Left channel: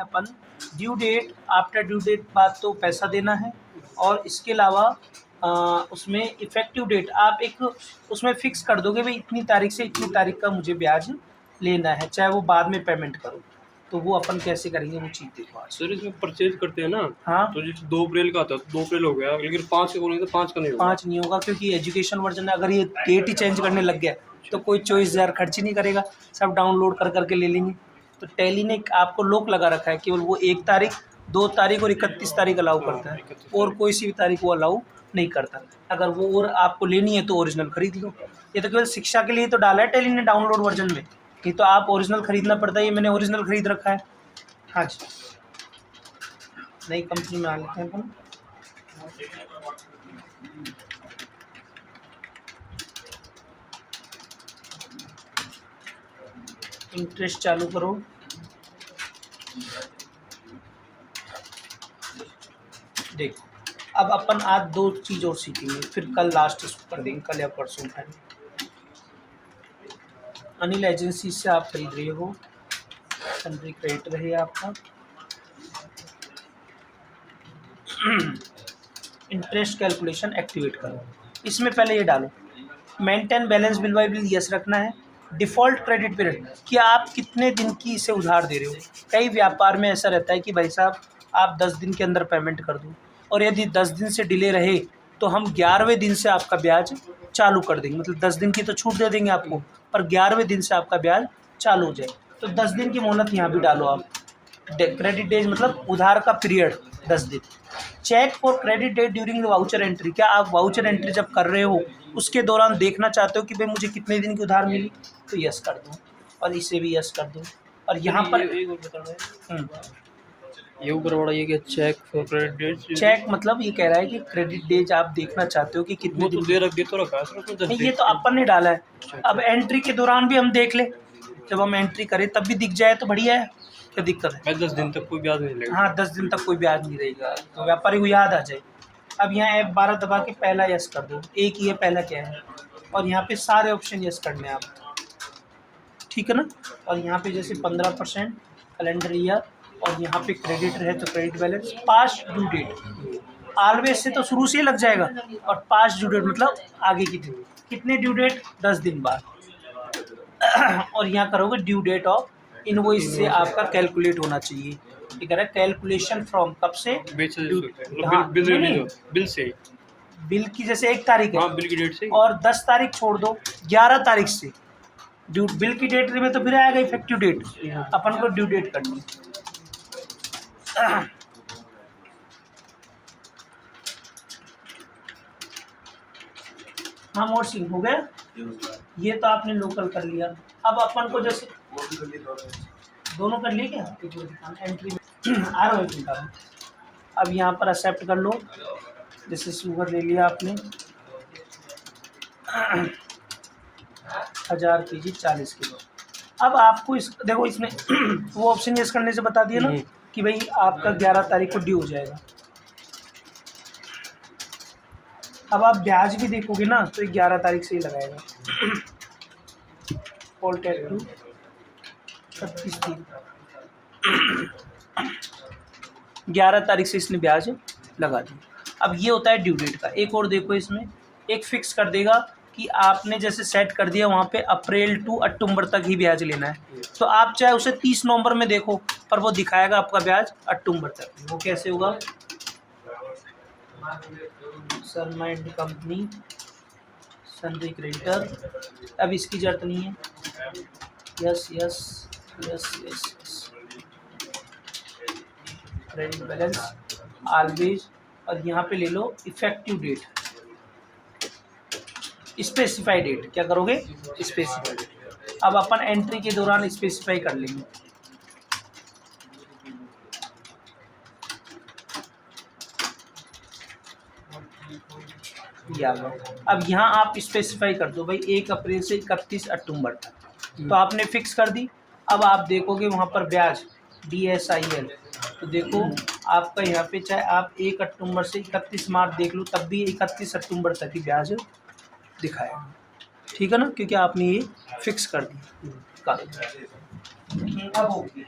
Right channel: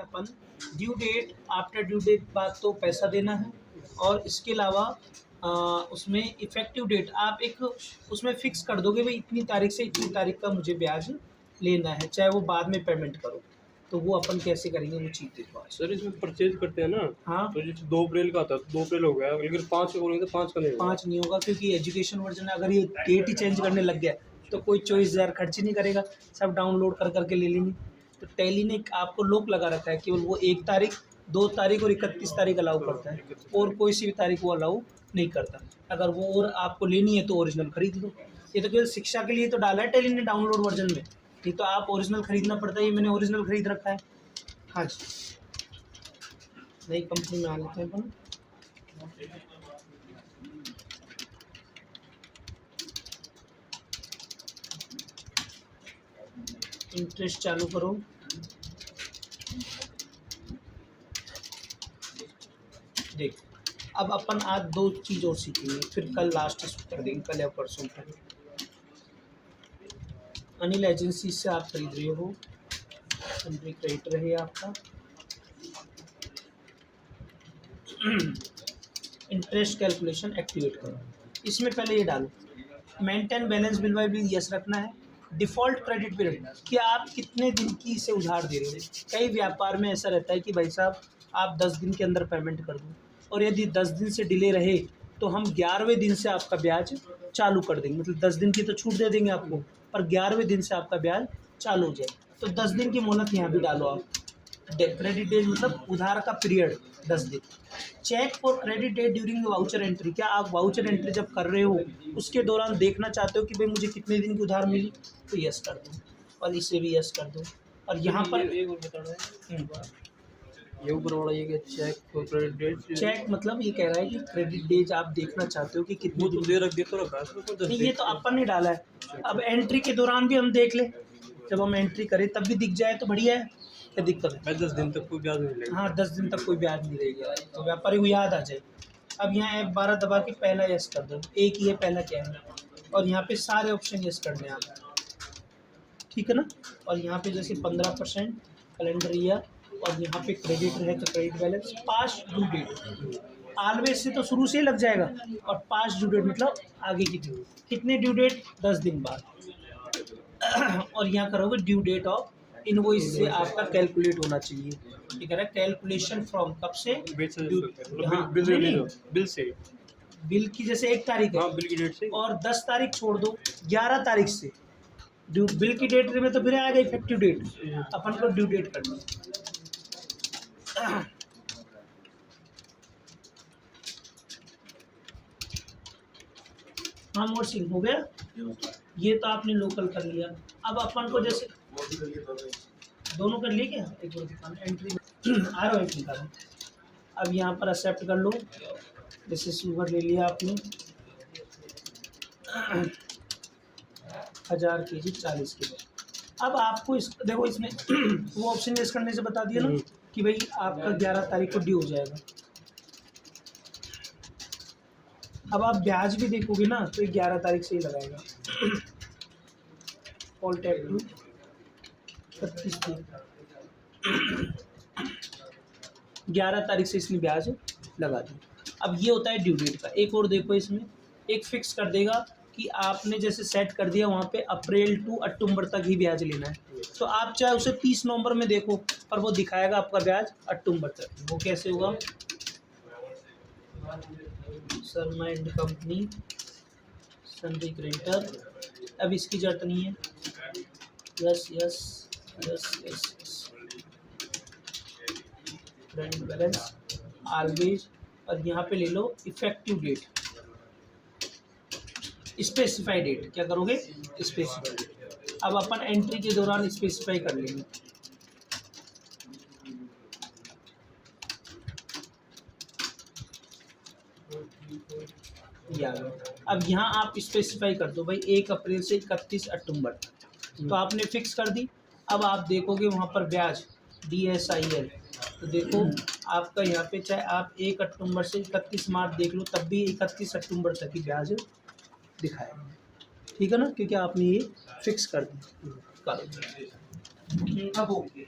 हैं अपन due date, after due date बाद तो पैसा देना है, और इसके अलावा उसमें इफ़ेक्टिव डेट आप एक उसमें फ़िक्स कर दोगे भाई इतनी तारीख से इतनी तारीख का मुझे ब्याज लेना है, चाहे वो बाद में पेमेंट करो। तो वो अपन कैसे करेंगे वो चीज़ देखो आज। सर इसमें परचेज करते हैं ना, हाँ, तो जैसे 2 अप्रैल का आता है तो 2 अप्रैल हो गया, लेकिन 5 का बोलेंगे तो 5 का नहीं होगा। 5 नहीं होगा क्योंकि एजुकेशन वर्जन है, अगर ये डेट ही चेंज करने लग गया तो कोई 24,000 खर्च ही नहीं करेगा, सब डाउनलोड कर करके ले लेंगे। तो टैली ने आपको लॉक लगा रखा है, केवल वो 1 तारीख, 2 तारीख और 31 तारीख अलाउ करता है, और कोई सी भी तारीख वो अलाउ नहीं करता। अगर वो और आपको लेनी है तो ओरिजिनल खरीद लो। ये तो केवल शिक्षा के लिए तो डाला है टैली ने डाउनलोड वर्जन में, नहीं तो आप ओरिजिनल खरीदना पड़ता है। ये मैंने ओरिजिनल खरीद रखा है। हाँ जी, नई कंपनी में आ लेते हैं अपन। इंटरेस्ट चालू करो। देखो अब अपन आज 2 चीज़ और सीखेंगे, फिर कल लास्ट कर देंगे, कल या परसों फाइनल। अनिल एजेंसी से आप खरीद रहे हो, सन्ड्री क्रेडिटर है आपका। इंटरेस्ट कैलकुलेशन एक्टिवेट करो। इसमें पहले ये डालो maintain balance bill bye bill, yes रखना है। डिफ़ॉल्ट क्रेडिट पीरियड, कि आप कितने दिन की इसे उधार दे रहे हो। कई व्यापार में ऐसा रहता है कि भाई साहब आप 10 दिन के अंदर पेमेंट कर दो, और यदि 10 दिन से डिले रहे तो हम 11वें दिन से आपका ब्याज चालू कर देंगे। मतलब 10 दिन की तो छूट दे देंगे आपको, पर 11वें दिन से आपका ब्याज चालू हो जाए। तो 10 दिन की मोहलत यहाँ भी डालो आप। क्रेडिट डेज मतलब उधार का पीरियड 10 दिन। Check for credit date during the voucher entry, क्या आप वाउचर एंट्री जब कर रहे हो उसके दौरान देखना चाहते हो कि भाई मुझे कितने दिन की उधार मिली, तो यस कर दो, और इसे भी यस कर दो। और यहाँ पर एक और बता रहा है, ये ऊपर वाला ये क्या check for credit date, check मतलब ये कह रहा है कि क्रेडिट डेज आप देखना चाहते हो कि कितने वो तो दिन। दे तो रखा है सर उसमें 10 नहीं, दिन। ये तो अपन ने डाला है। अब एंट्री के दौरान भी हम देख ले, जब हम एंट्री करें तब भी दिख जाए तो बढ़िया है, क्या दिक्कत है। मैं 10 दिन तक कोई ब्याज नहीं लेगा। हाँ, 10 दिन तक कोई ब्याज नहीं रहेगा, तो व्यापारी को याद आ जाए। अब यहाँ F12 दबा के पहला यस कर दो, एक ही है पहला क्या है, और यहाँ पे सारे ऑप्शन यस करने हैं आप, ठीक है ना। और यहाँ पे जैसे 15% कैलेंडर ईयर, और यहाँ पे क्रेडिट है तो credit balance, past due date always से तो शुरू से ही लग जाएगा, और पास्ट ड्यू डेट मतलब आगे की ड्यू, कितने ड्यू डेट 10 दिन बाद। और यहाँ करोगे ड्यू डेट ऑफ इनवॉइस से आपका कैलकुलेट होना चाहिए। ये कह रहा है कैलकुलेशन फ्रॉम कब से, बेच से ड्यू, मतलब हाँ, बिल नहीं, बिल बिल से, बिल की जैसे 1 तारीख है, हाँ बिल की डेट से, और 10 तारीख छोड़ दो, 11 तारीख से ड्यू बिल की डेट में तो फिर आएगा इफेक्टिव डेट, अपन को ड्यू डेट करनी। हाँ, मोड सिंह हो गया, ये तो आपने लोकल कर लिया। अब अपन को जैसे दोनों कर लिए क्या, एक बार दिखाना एंट्री में आ रहा है, दिखा रहा हूँ। अब यहाँ पर एक्सेप्ट कर लो, जैसे शुगर ले लिया आपने 1000 kg 40 किलो। अब आपको इस देखो इसमें वो ऑप्शन यूज करने से बता दिया ना कि भाई आपका 11 तारीख को ड्यू हो जाएगा। अब आप ब्याज भी देखोगे ना तो 11 तारीख से ही लगाएगा। ऑल टैग टू 36 दिन, 11 तारीख से इसने ब्याज लगा दिया। अब ये होता है ड्यू डेट का। एक और देखो, इसमें एक फिक्स कर देगा कि आपने जैसे सेट कर दिया वहाँ पे अप्रैल टू अक्टूबर तक ही ब्याज लेना है, तो आप चाहे उसे 30 नवंबर में देखो पर वो दिखाएगा आपका ब्याज अक्टूबर तक। वो कैसे होगा, Sharma and company sundry creditor, अब इसकी जरूरत नहीं है, yes yes yes yes yes, credit balance always, और यहाँ पे ले लो इफेक्टिव डेट, स्पेसिफाई डेट। क्या करोगे, स्पेसिफाई डेट। अब अपन एंट्री के दौरान स्पेसिफाई कर लेंगे। अब यहाँ आप स्पेसिफाई कर दो भाई 1 अप्रैल से 31 अक्टूबर तक, तो आपने फिक्स कर दी। अब आप देखोगे वहाँ पर ब्याज DSIL, तो देखो आपका यहाँ पे चाहे आप 1 अक्टूबर से 31 मार्च देख लो तब भी 31 अक्टूबर तक ही ब्याज दिखाएगा, ठीक है ना, क्योंकि आपने ये फिक्स कर दी। अब ओके।